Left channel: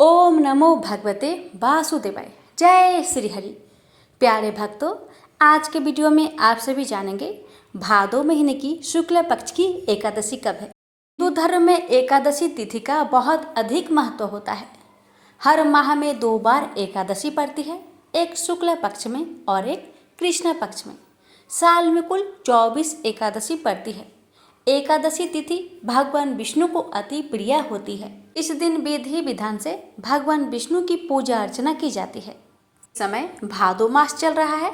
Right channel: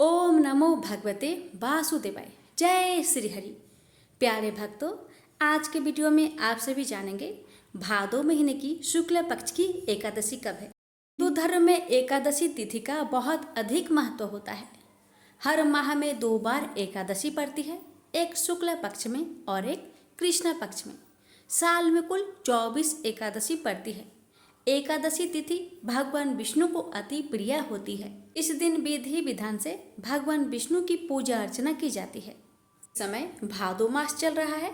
ओम नमो भगवते वासुदेवाय। जय श्री हरि। प्यारे भक्तों, आज के वीडियो में आप सभी जानेंगे भादो महीने की शुक्ल पक्ष की एकादशी कब है। हिंदू धर्म में एकादशी तिथि का बहुत अधिक महत्व होता है। हर माह में 2 बार एकादशी पड़ती है, एक शुक्ल पक्ष में और एक कृष्ण पक्ष में। साल में कुल 24 एकादशी पड़ती है। एकादशी तिथि भगवान विष्णु को अति प्रिय होती है। इस दिन विधि विधान से भगवान विष्णु की पूजा अर्चना की जाती है। इस समय भादो मास चल रहा है।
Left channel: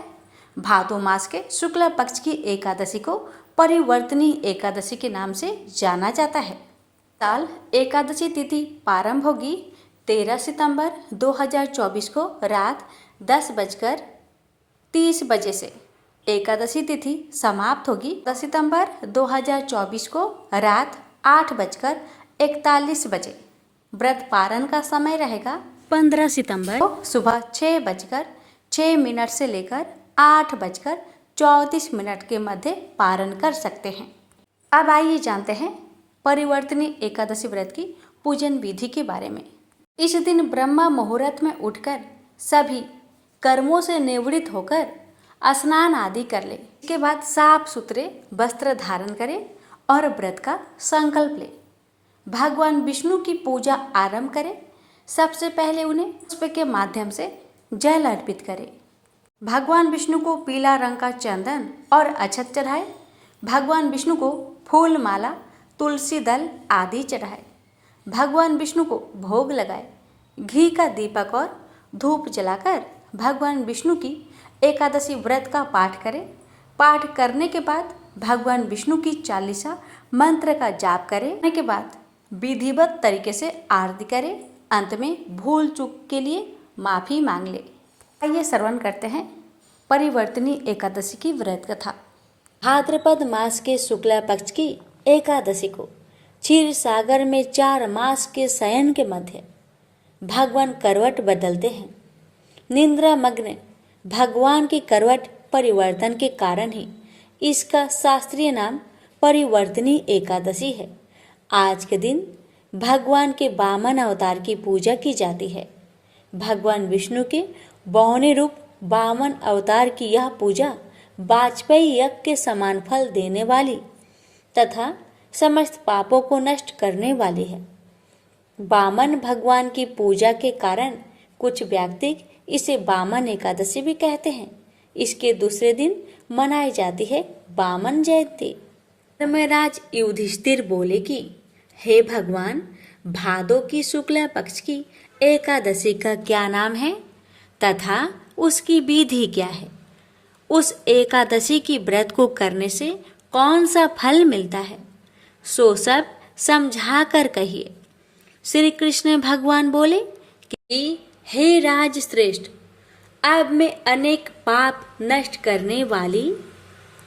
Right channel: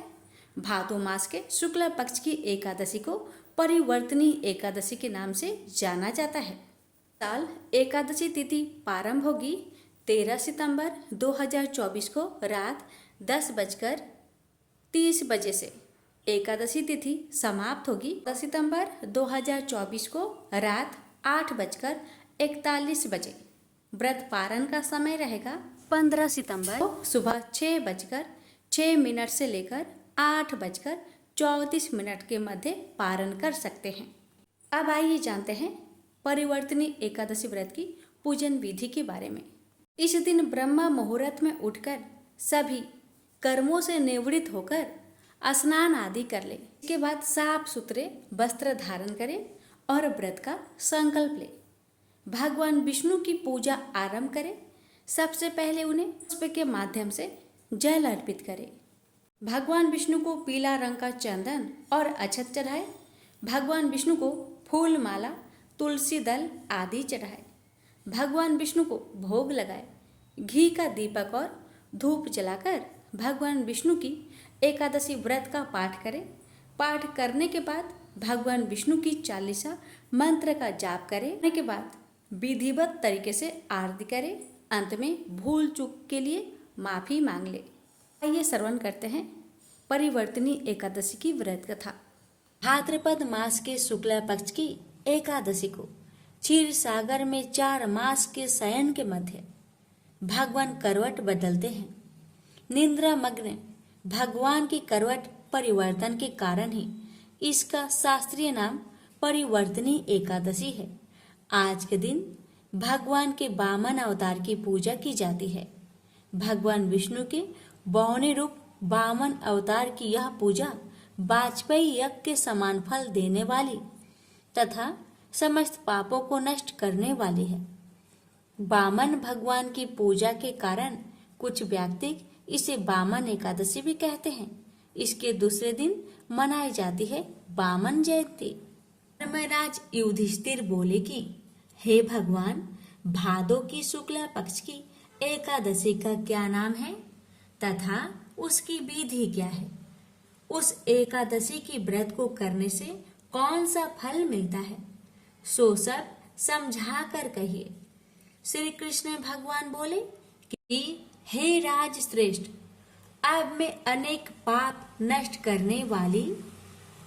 भादो मास के शुक्ल पक्ष की एकादशी को परिवर्तनी एकादशी के नाम से जाना जाता है। साल एकादशी तिथि प्रारंभ होगी 13 सितंबर 2024 को रात 10:30 बजे से। एकादशी तिथि समाप्त होगी 10 सितंबर 2024 को रात 8:41 बजे। व्रत पारण का समय रहेगा 15 सितंबर को सुबह 6:06 से लेकर 8:34 के मध्य पारण कर सकते हैं। अब आइए जानते हैं परिवर्तनी एकादशी व्रत की पूजन विधि के बारे में। इस दिन ब्रह्म मुहूर्त में उठकर सभी कर्मों से निवृत्त होकर स्नान आदि कर ले। इसके बाद साफ सुथरे वस्त्र धारण करें और व्रत का संकल्प ले। भगवान विष्णु की पूजा आरंभ करें। सबसे पहले उन्हें पुष्प के माध्यम से जल अर्पित करें। भगवान विष्णु को पीला रंग का चंदन और अक्षत चढ़ाए। भगवान विष्णु को फूल माला, तुलसी दल आदि चढ़ाए। भगवान विष्णु को भोग लगाए। घी का दीपक और धूप जलाकर भगवान विष्णु की एकादशी व्रत का पाठ करें। पाठ करने के बाद भगवान विष्णु की चालीसा मंत्र का जाप करें। के बाद विधिवत तरीके से आरती करें। अंत में भूल चूक के लिए माफी मांग ले। आइए श्रवण करते हैं परिवर्तनी एकादशी की व्रत कथा। भाद्रपद मास के शुक्ला पक्ष की एकादशी को क्षीर सागर में 4 मास के शयन के मध्य भगवान करवट बदलते हैं। निद्रा मग्न भगवान की करवट परिवर्तन के कारण ही इसका शास्त्रीय नाम परिवर्तनी एकादशी है। आज के दिन भगवान के वामन अवतार की पूजा की जाती है। भगवान विष्णु के बहुने रूप वामन अवतार की यह पूजा वाजपेयी यज्ञ के समान फल देने वाली तथा समस्त पापों को नष्ट करने वाली है। वामन भगवान की पूजा के कारण कुछ व्यक्ति इसे वामन एकादशी भी कहते हैं। इसके दूसरे दिन मनाई जाती है वामन जयंती। धर्मराज युधिष्ठिर बोले कि हे भगवान, भादो की शुक्ला पक्ष की एकादशी का क्या नाम है तथा उसकी विधि क्या है? उस एकादशी की व्रत को करने से कौन सा फल मिलता है? सो सब समझा कर कहिए। श्री कृष्ण भगवान बोले कि हे राज श्रेष्ठ, अब मैं अनेक पाप नष्ट करने वाली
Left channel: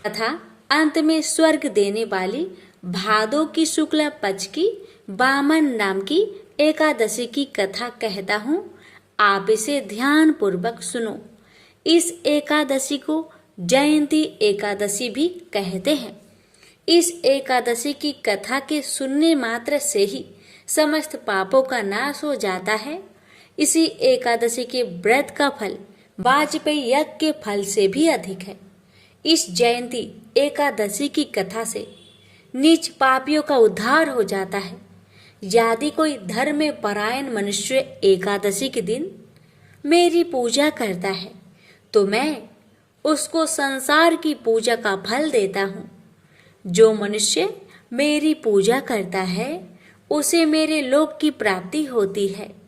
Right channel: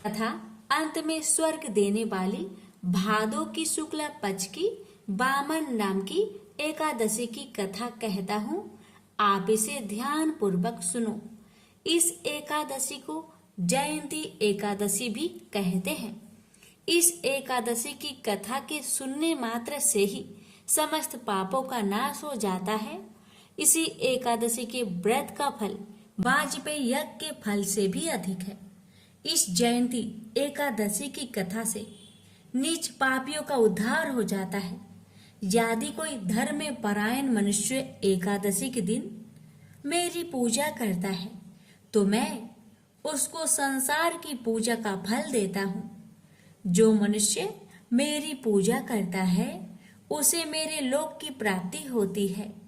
तथा अंत में स्वर्ग देने वाली भादो की शुक्ला पक्ष की वामन नाम की एकादशी की कथा कहता हूँ। आप इसे ध्यान पूर्वक सुनो। इस एकादशी को जयंती एकादशी भी कहते हैं। इस एकादशी की कथा के सुनने मात्र से ही समस्त पापों का नाश हो जाता है। इसी एकादशी के व्रत का फल वाजपेयी यज्ञ के फल से भी अधिक है। इस जयंती एकादशी की कथा से नीच पापियों का उद्धार हो जाता है। यदि कोई धर्म में परायण मनुष्य एकादशी के दिन मेरी पूजा करता है तो मैं उसको संसार की पूजा का फल देता हूँ। जो मनुष्य मेरी पूजा करता है उसे मेरे लोक की प्राप्ति होती है।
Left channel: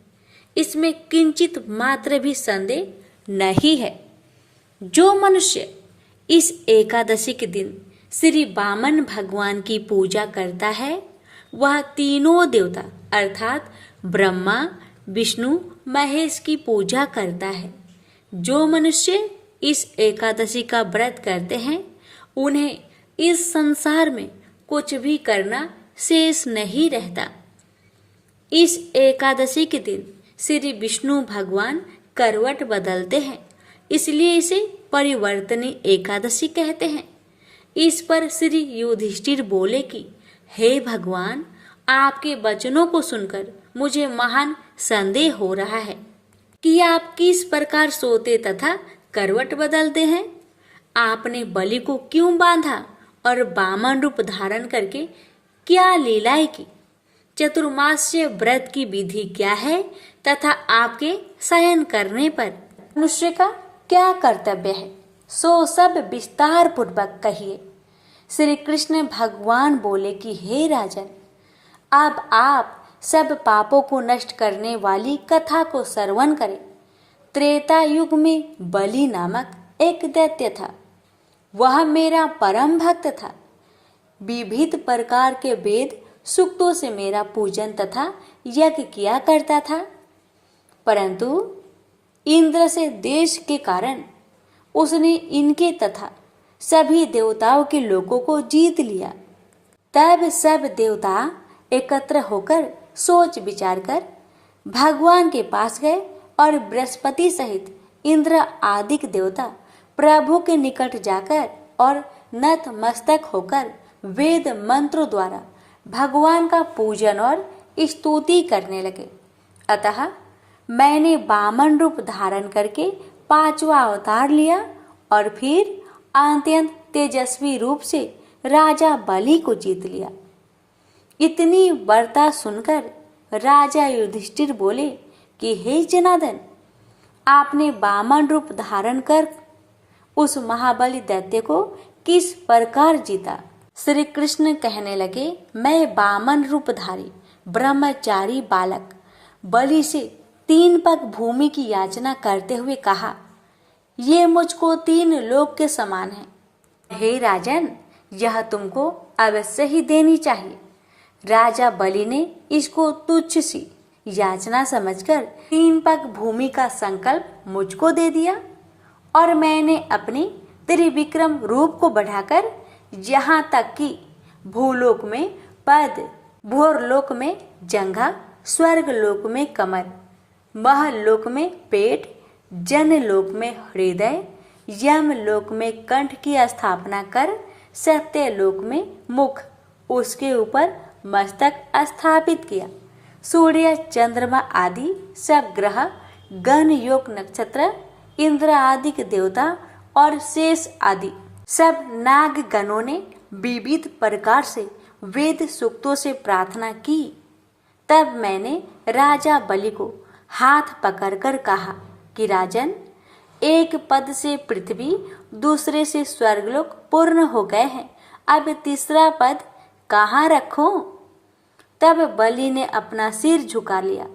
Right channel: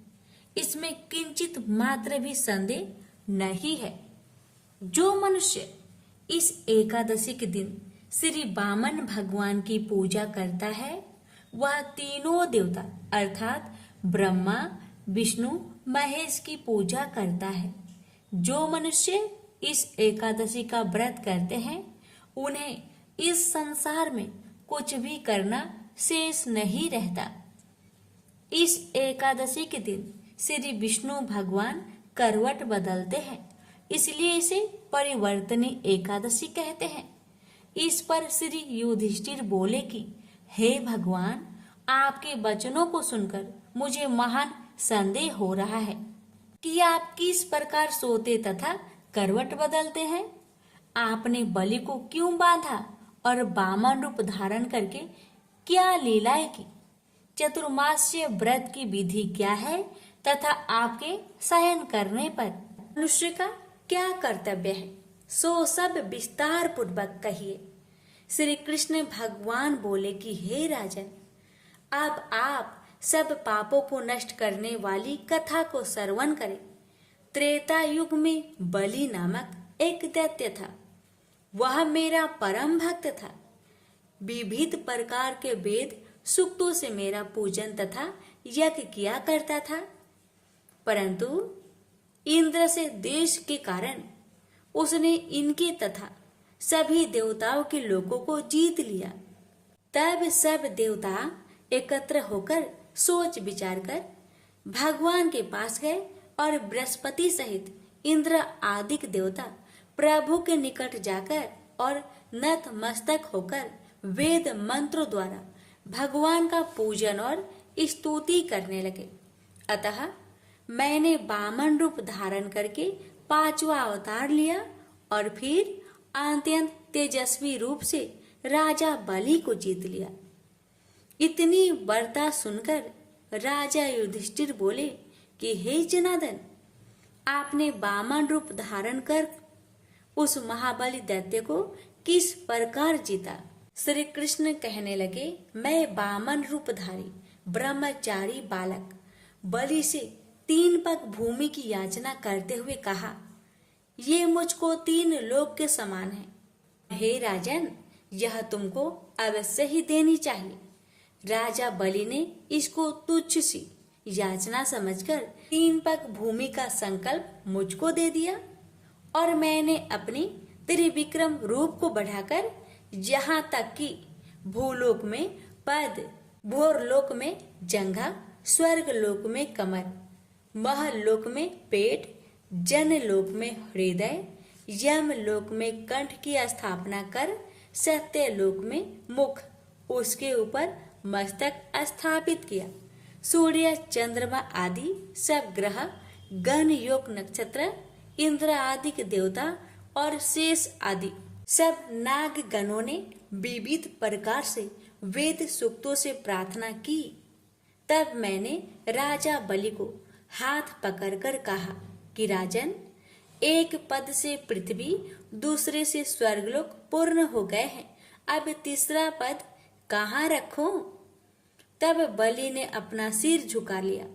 इसमें किंचित मात्र भी संदेह नहीं है। जो मनुष्य इस एकादशी के दिन श्री वामन भगवान की पूजा करता है वह तीनों देवता अर्थात ब्रह्मा, विष्णु, महेश की पूजा करता है। जो मनुष्य इस एकादशी का व्रत करते हैं उन्हें इस संसार में कुछ भी करना शेष नहीं रहता। इस एकादशी के दिन श्री विष्णु भगवान करवट बदलते हैं, इसलिए इसे परिवर्तनी एकादशी कहते हैं। इस पर श्री युधिष्ठिर बोले कि हे भगवान, आपके वचनों को सुनकर मुझे महान संदेह हो रहा है कि आप किस प्रकार सोते तथा करवट बदलते हैं। आपने बलि को क्यों बांधा और वामन रूप धारण करके क्या लीलाएं की। चतुर्मास्य व्रत की विधि क्या है तथा आपके शयन करने पर मनुष्य का क्या कर्तव्य है, सो सब विस्तार पूर्वक कहिए। श्री कृष्ण भगवान बोले कि हे राजन, अब आप सब पापों को नष्ट करने वाली कथा को श्रवण करें। त्रेता युग में बलि नामक एक दैत्य था। वह मेरा परम भक्त था। विविध प्रकार के वेद सूक्तों से मेरा पूजन तथा यज्ञ किया करता था, परंतु इंद्र से देश के कारण उसने इनके तथा सभी देवताओं के लोगों को जीत लिया। तब सब देवता एकत्र होकर सोच विचार कर भगवान के पास गए और बृहस्पति सहित इंद्र आदि देवता प्रभु के निकट जाकर और नतमस्तक होकर वेद मंत्रों द्वारा भगवान का पूजन और स्तुति करने लगे। अतः मैंने वामन रूप धारण करके पांचवा अवतार लिया और फिर अत्यंत तेजस्वी रूप से राजा बलि को जीत लिया। इतनी वार्ता सुनकर राजा युधिष्ठिर बोले कि हे जनार्दन, आपने वामन रूप धारण कर उस महाबली दैत्य को किस प्रकार जीता। श्री कृष्ण कहने लगे, मैं वामन रूपधारी ब्रह्मचारी बालक बलि से 3 पग भूमि की याचना करते हुए कहा, ये मुझको 3 लोक के समान है। हे राजन, यह तुमको अवश्य ही देनी चाहिए। राजा बलि ने इसको तुच्छ सी याचना समझकर 3 पग भूमि का संकल्प मुझको दे दिया और मैंने अपने त्रिविक्रम रूप को बढ़ाकर यहाँ तक कि भूलोक में पद, भूरलोक में जंघा, स्वर्ग लोक में कमर, महलोक में पेट, जनलोक में हृदय, यमलोक में कंठ की स्थापना कर सत्यलोक में मुख, उसके ऊपर मस्तक स्थापित किया। सूर्य, चंद्रमा आदि सब ग्रह, गण, योग, नक्षत्र, इंद्र आदि के देवता और शेष आदि सब नाग गणों ने विविध प्रकार से वेद सूक्तों से प्रार्थना की। तब मैंने राजा बलि को हाथ पकड़कर कहा कि राजन, एक पद से पृथ्वी, दूसरे से स्वर्गलोक पूर्ण हो गए हैं, अब तीसरा पद कहाँ रखूं? तब बलि ने अपना सिर झुका लिया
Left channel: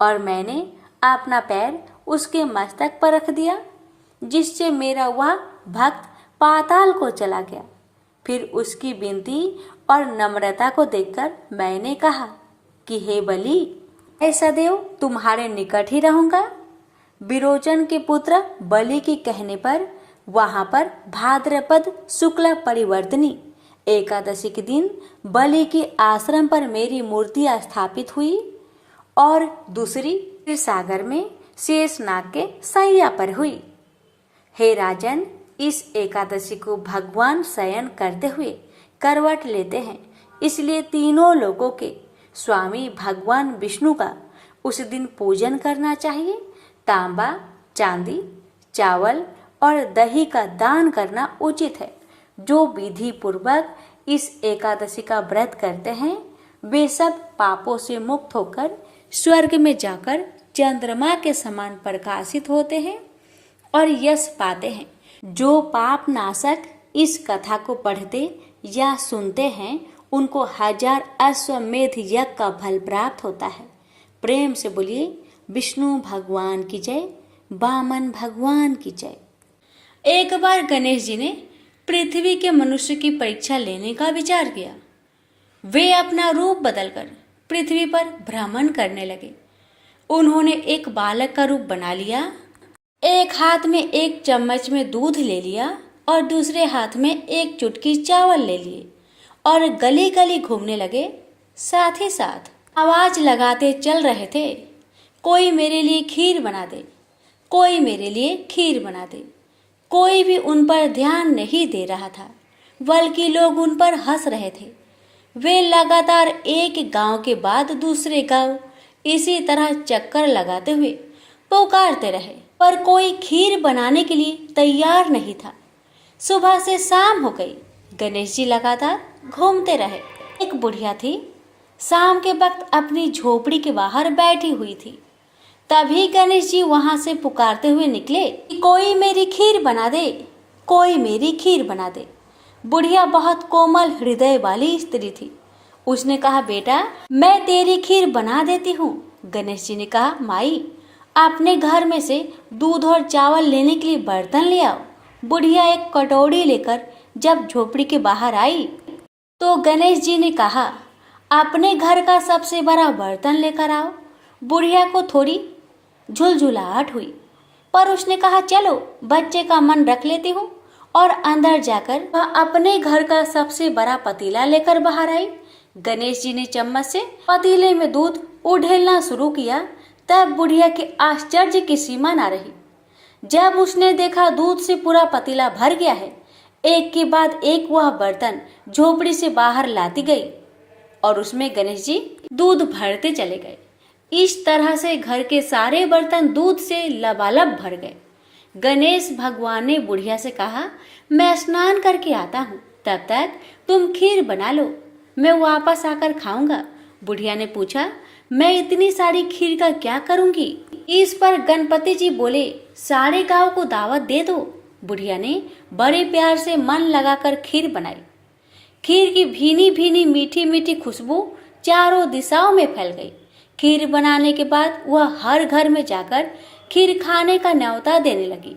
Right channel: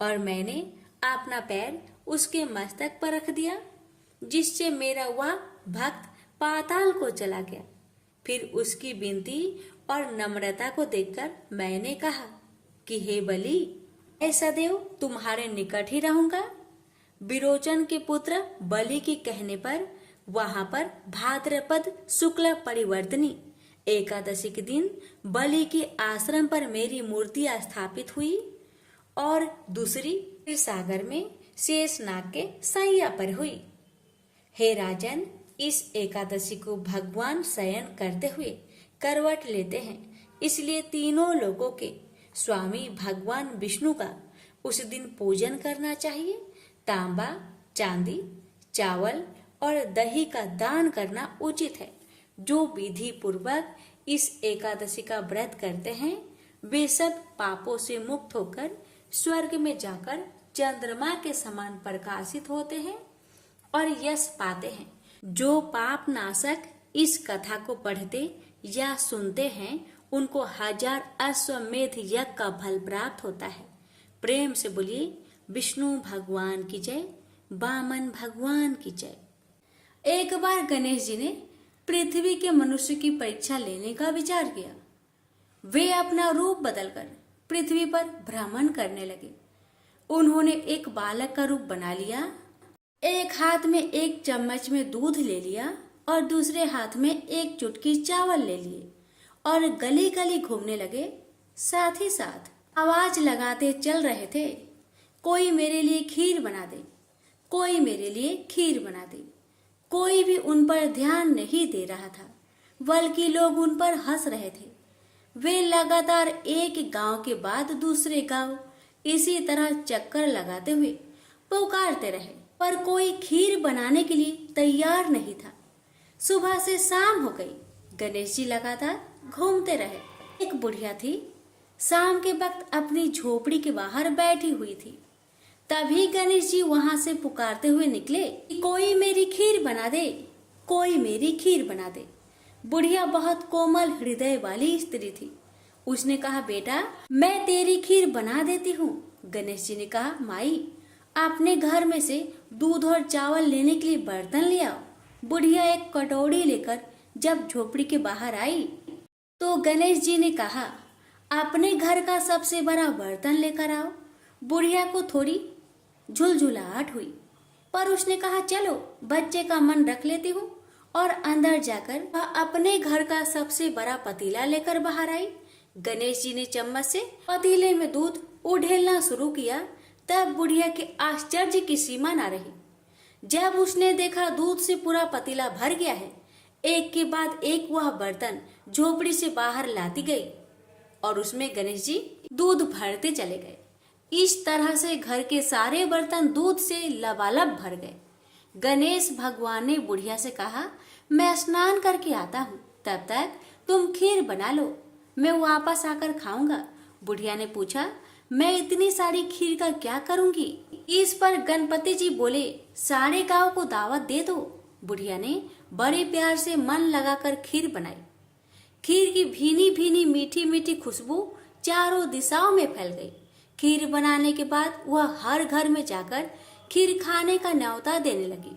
और मैंने अपना पैर उसके मस्तक पर रख दिया, जिससे मेरा वह भक्त पाताल को चला गया। फिर उसकी विनती और नम्रता को देखकर मैंने कहा कि हे बलि, मैं सदैव तुम्हारे निकट ही रहूंगा। विरोचन के पुत्र बलि के कहने पर वहां पर भाद्रपद शुक्ल परिवर्तनी एकादशी के दिन बलि के आश्रम पर मेरी मूर्ति स्थापित हुई और दूसरी सागर में शेषनाग के सैया पर हुई। हे राजन, इस एकादशी को भगवान शयन करते हुए करवट लेते हैं, इसलिए तीनों लोगों के स्वामी भगवान विष्णु का उस दिन पूजन करना चाहिए। तांबा, चांदी, चावल और दही का दान करना उचित है। जो विधि पूर्वक इस एकादशी का व्रत करते हैं, वे सब पापों से मुक्त होकर स्वर्ग में जाकर चंद्रमा के समान प्रकाशित होते हैं और यश पाते हैं। जो पाप नाशक इस कथा को पढ़ते या सुनते हैं, उनको 1000 अश्वमेध यज्ञ का फल प्राप्त होता है। प्रेम से बोलिए विष्णु भगवान की जय, वामन भगवान की जय। एक बार गणेश जी ने पृथ्वी के मनुष्य की परीक्षा लेने का विचार किया। वे अपना रूप बदलकर पृथ्वी पर भ्रमण करने लगे। उन्होंने एक बालक का रूप बना लिया। एक हाथ में एक चम्मच में दूध ले लिया और दूसरे हाथ में एक चुटकी चावल ले लिए और गली गली घूमने लगे। साथ ही साथ आवाज लगाते चल रहे थे, कोई मेरे लिए खीर बना दे, कोई मेरे लिए खीर बना दे। कोई भी उन पर ध्यान नहीं दे रहा था, बल्कि लोग उन पर हंस रहे थे। वे लगातार एक गांव के बाद दूसरे गांव, इसी तरह चक्कर लगाते हुए पुकारते रहे, पर कोई खीर बनाने के लिए तैयार नहीं था। सुबह से शाम हो गई, गणेश जी लगातार घूमते रहे। एक बुढ़िया थी, शाम के वक्त अपनी झोपड़ी के बाहर बैठी हुई थी। तभी गणेश जी वहां से पुकारते हुए निकले कि कोई मेरी खीर बना दे, कोई मेरी खीर बना दे। बुढ़िया बहुत कोमल हृदय वाली स्त्री थी। उसने कहा, बेटा मैं तेरी खीर बना देती हूँ। गणेश जी ने कहा, माई अपने घर में से दूध और चावल लेने के लिए बर्तन ले आओ। बुढ़िया एक कटोरी लेकर जब झोपड़ी के बाहर आई तो गणेश जी ने कहा, अपने घर का सबसे बड़ा बर्तन लेकर आओ। बुढ़िया को थोड़ी झुलझुलाहट हुई, पर उसने कहा, चलो बच्चे का मन रख लेती हूँ। और अंदर जाकर वह अपने घर का सबसे बड़ा पतीला लेकर बाहर आई। गणेश जी ने चम्मच से पतीले में दूध उड़ेलना शुरू किया। तब बुढ़िया के आश्चर्य की सीमा ना रही जब उसने देखा दूध से पूरा पतीला भर गया है। एक के बाद एक वह बर्तन झोपड़ी से बाहर लाती गई और उसमें गणेश जी दूध भरते चले गए। इस तरह से घर के सारे बर्तन दूध से लबालब भर गए। गणेश भगवान ने बुढ़िया से कहा, मैं स्नान करके आता हूँ, तब तक तुम खीर बना लो, मैं वापस आकर खाऊंगा। बुढ़िया ने पूछा, मैं इतनी सारी खीर का क्या करूंगी? इस पर गणपति जी बोले, सारे गांव को दावत दे दो। बुढ़िया ने बड़े प्यार से मन लगाकर खीर बनाई। खीर की भीनी भीनी मीठी मीठी खुशबू चारों दिशाओं में फैल गई। खीर बनाने के बाद वह हर घर में जाकर खीर खाने का न्योता देने लगी।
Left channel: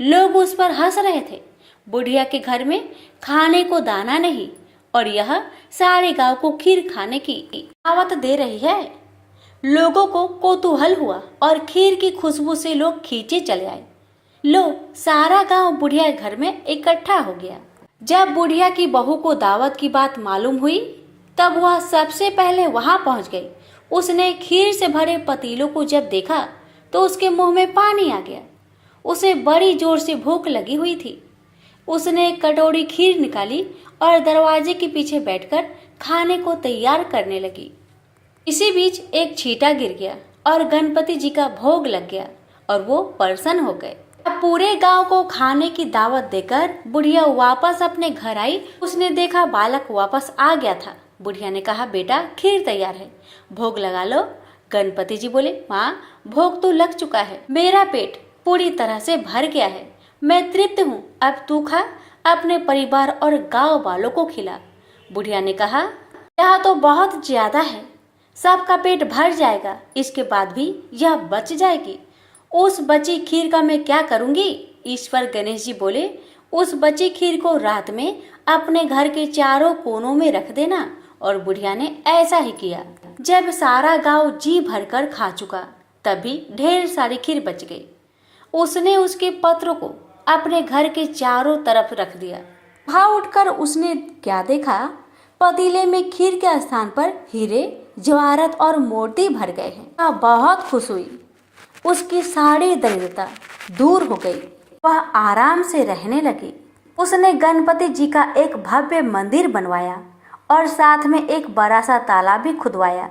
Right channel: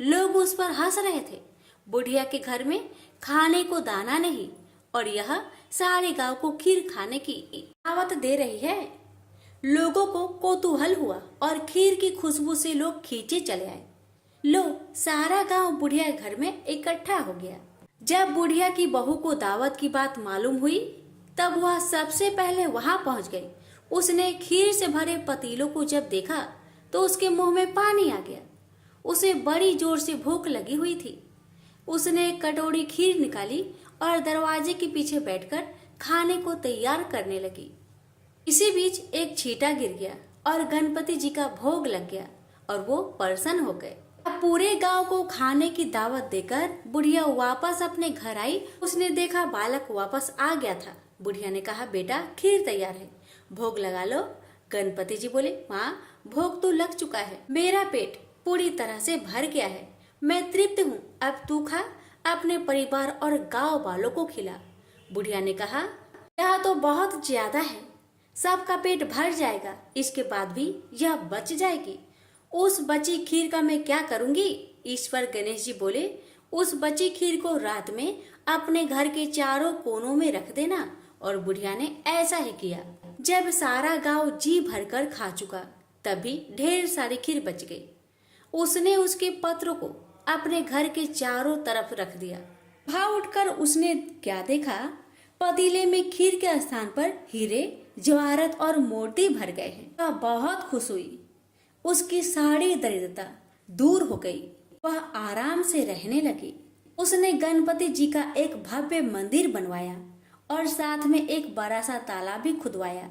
लोग उस पर हंस रहे थे। बुढ़िया के घर में खाने को दाना नहीं और यह सारे गांव को खीर खाने की दावत दे रही है। लोगों को कौतूहल हुआ और खीर की खुशबू से लोग खींचे चले आए। लो, सारा गांव बुढ़िया के घर में इकट्ठा हो गया। जब बुढ़िया की बहू को दावत की बात मालूम हुई तब वह सबसे पहले वहां पहुंच गई। उसने खीर से भरे पतीलों को जब देखा तो उसके मुंह में पानी आ गया। उसे बड़ी जोर से भूख लगी हुई थी। उसने एक कटोरी खीर निकाली और दरवाजे के पीछे बैठकर खाने को तैयार करने लगी। इसी बीच एक छींटा गिर गया और गणपति जी का भोग लग गया और वो प्रसन्न हो गए। अब पूरे गांव को खाने की दावत देकर बुढ़िया वापस अपने घर आई। उसने देखा बालक वापस आ गया था। बुढ़िया ने कहा, बेटा खीर तैयार है, भोग लगा लो। गणपति जी बोले, माँ भोग तो लग चुका है, मेरा पेट पूरी तरह से भर गया है, मैं तृप्त हूँ, अब तू खा, अपने परिवार और गांव वालों को खिला। बुढ़िया ने कहा, यह तो बहुत ज्यादा है, सबका पेट भर जाएगा, इसके बाद भी यह बच जाएगी। उस बची खीर का मैं क्या करूंगी? इस पर गणेश जी बोले, उस बची खीर को रात में अपने घर के चारों कोनों में रख देना। और बुढ़िया ने ऐसा ही किया। जब सारा गांव जी भरकर खा चुका तभी ढेर सारी खीर बच गई। उसने उसके पत्रों को अपने घर के चारों तरफ रख दिया। वहां उठकर उसने क्या देखा? पतीले में खीर के स्थान पर हीरे, जवाहरात और मोती भर गए हैं। वह बहुत खुश हुई। उसकी सारी दरिद्रता दूर हो गई। वह आराम से रहने लगी। उसने गणपति जी का एक भव्य मंदिर बनवाया और साथ में एक बड़ा सा तालाब भी खुदवाया।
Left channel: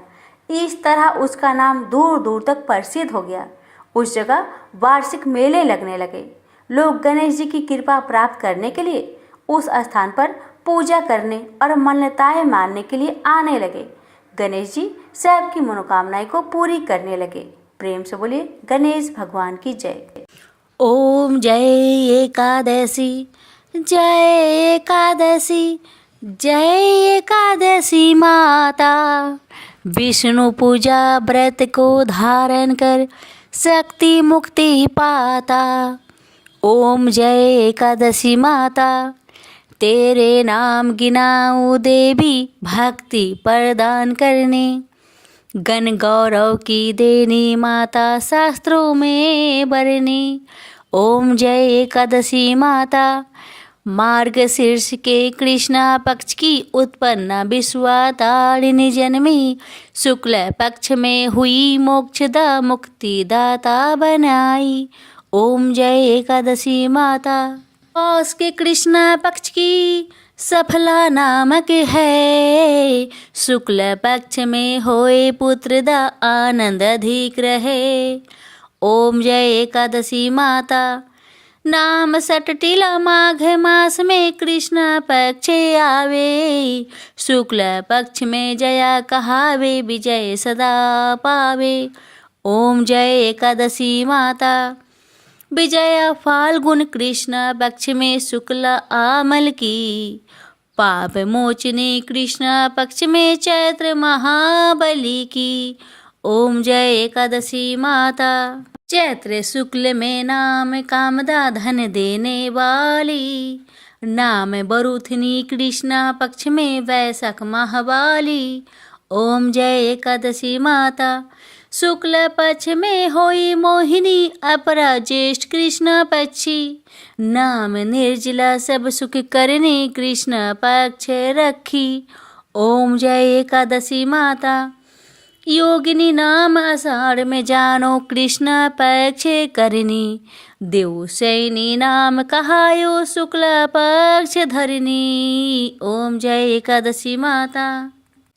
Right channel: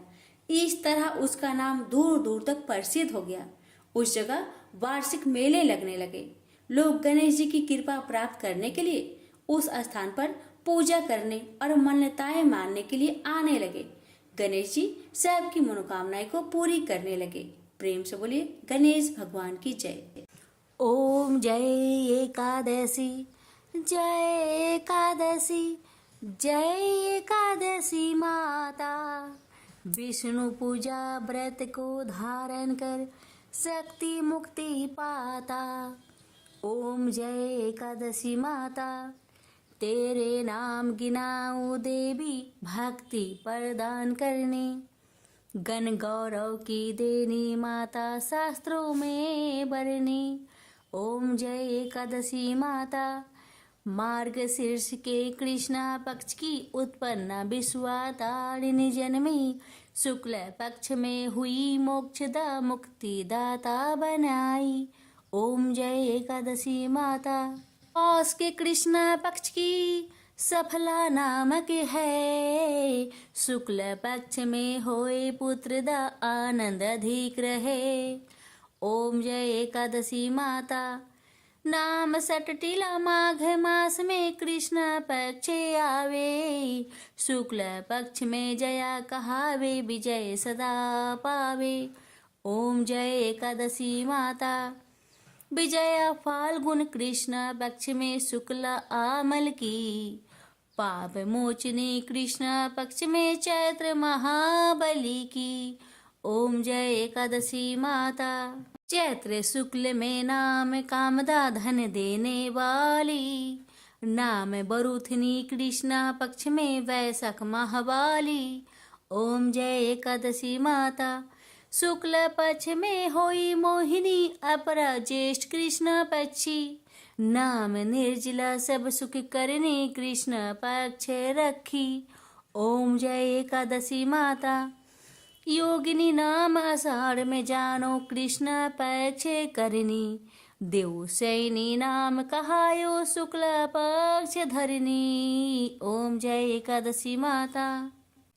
इस तरह उसका नाम दूर दूर तक प्रसिद्ध हो गया। उस जगह वार्षिक मेले लगने लगे। लोग गणेश जी की कृपा प्राप्त करने के लिए उस स्थान पर पूजा करने और मान्यताएं मानने के लिए आने लगे। गणेश जी सबकी मनोकामनाएं को पूरी करने लगे। प्रेम से बोलिए गणेश भगवान की जय। ओम जय एकादशी, जय एकादशी, जय एकादशी माता। विष्णु पूजा व्रत को धारण कर शक्ति मुक्ति पाता। ओम जय एकादशी माता, तेरे नाम गिनाऊं देवी, भक्ति प्रदान करने। गण गौरव की देनी माता, शास्त्रों में बरनी। ओम जय एकादशी माता, मार्गशीर्ष के कृष्णा पक्ष की उत्पन्न विश्वातारिणी जन्मी। शुक्ल पक्ष में हुई मोक्षदा मुक्ति दाता बनाई। ओम जय एकादशी माता। पौष के कृष्णा पक्ष की सफला नामक है, शुक्ल पक्ष में होए पुत्र दा आनंद अधिक रहे। ओम जय एकादशी माता। नाम सटटिला माघ मास में कृष्ण पक्ष आवे, शुक्ल पक्ष में जया कहावे, विजय सदा पावे। ओम जय एकादशी माता। विजया फाल्गुन कृष्ण पक्ष में शुक्ल आमल की, पाप मोचनी कृष्ण पक्ष में चैत्र महाबली की। ओम जय एकादशी माता। चैत्र शुक्ल में नाम कामदा धन देने वाली, नाम बरूथनी कृष्ण पक्ष में वैशाख महावाली। ओम जय एकादशी माता। शुक्ल पक्ष में होई मोहिनी, अपरा ज्येष्ठ कृष्ण पक्षी, नाम निर्जला सब सुख करने कृष्ण पक्ष रखी। ओम जय एकादशी माता। योगिनी नाम आषाढ़ में जानो कृष्ण पक्ष करनी, देव सैनी नाम कहायो शुक्ल पक्ष धरनी। ओम जय एकादशी माता।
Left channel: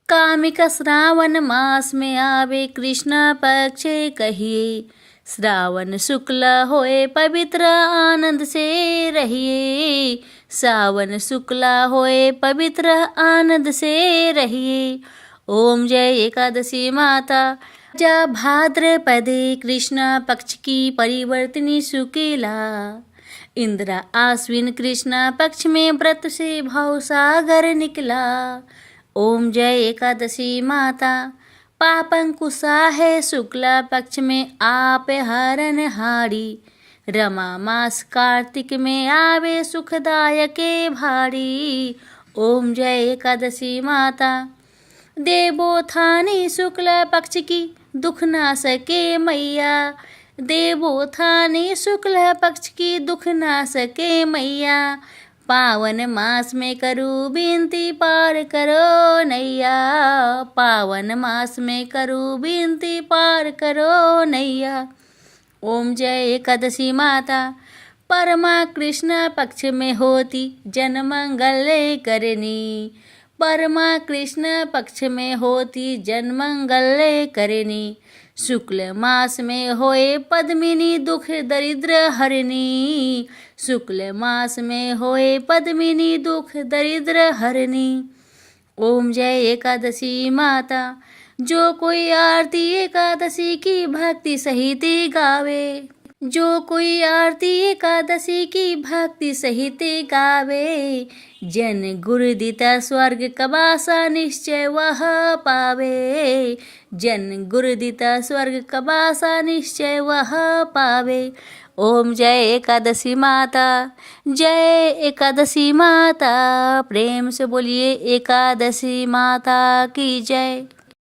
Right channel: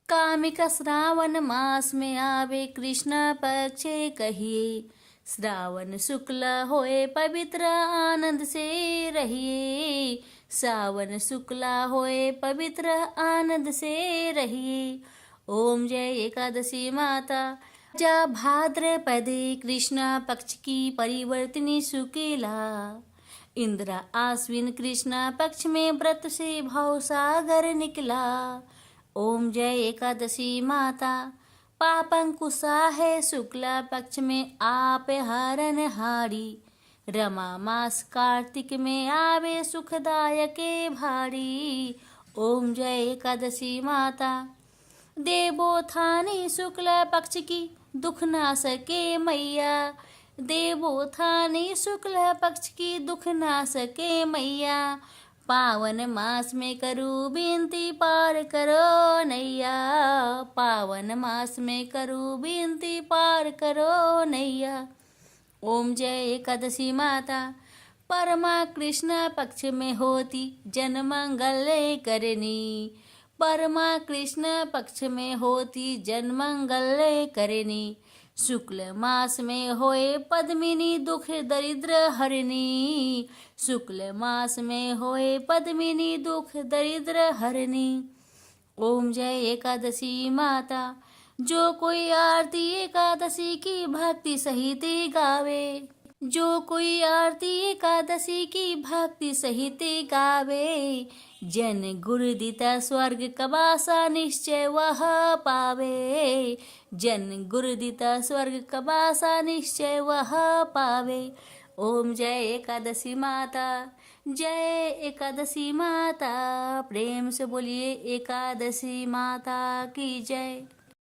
कामिका श्रावण मास में आवे कृष्ण पक्ष कहिए, श्रावण शुक्ल होए पवित्र आनंद से रहिए। सावन शुक्ल होए पवित्र आनंद से रहिए। ओम जय एकादशी माता। जा भाद्रपदे कृष्ण पक्ष की परिवर्तनी शुक्ला, इंद्रा आश्विन कृष्ण पक्ष में व्रत से भाव सागर निकला। ओम जय एकादशी माता। पापंकुशा है शुक्ला पक्ष में आप हरण हारी, रमा मास कार्तिक में आवे सुखदायक भारी। ओम जय एकादशी माता। देवोत्थानी शुक्ल पक्ष की दुख ना सके मैया, देवोत्थानी शुक्ल पक्ष की दुख ना सके मैया। पावन मास में करूँ विनती पार करो नैया, पावन मास में करूँ विनती पार करो नैया। ओम जय एकादशी माता। परमा कृष्ण पक्ष में होती जन मंगल करनी, परमा कृष्ण पक्ष में होती जन मंगल करनी। शुक्ल मास में होए पद्मिनी दुख दरिद्र हरनी, शुक्ल मास में होए पद्मिनी दुख दरिद्र हरनी। ओम जय एकादशी माता। जो कोई आरती एकादशी की भक्ति सहित गावे, जो कोई आरती एकादशी की भक्ति सहित गावे, जन गुरु दिता स्वर्ग कबासा निश्चय वह पावे, जन गुरु दिता स्वर्ग कबासा निश्चय वह पावे। ओम जय एकादशी माता। जय एकादशी माता। प्रेम से बोलिए एकादशी माता की जय।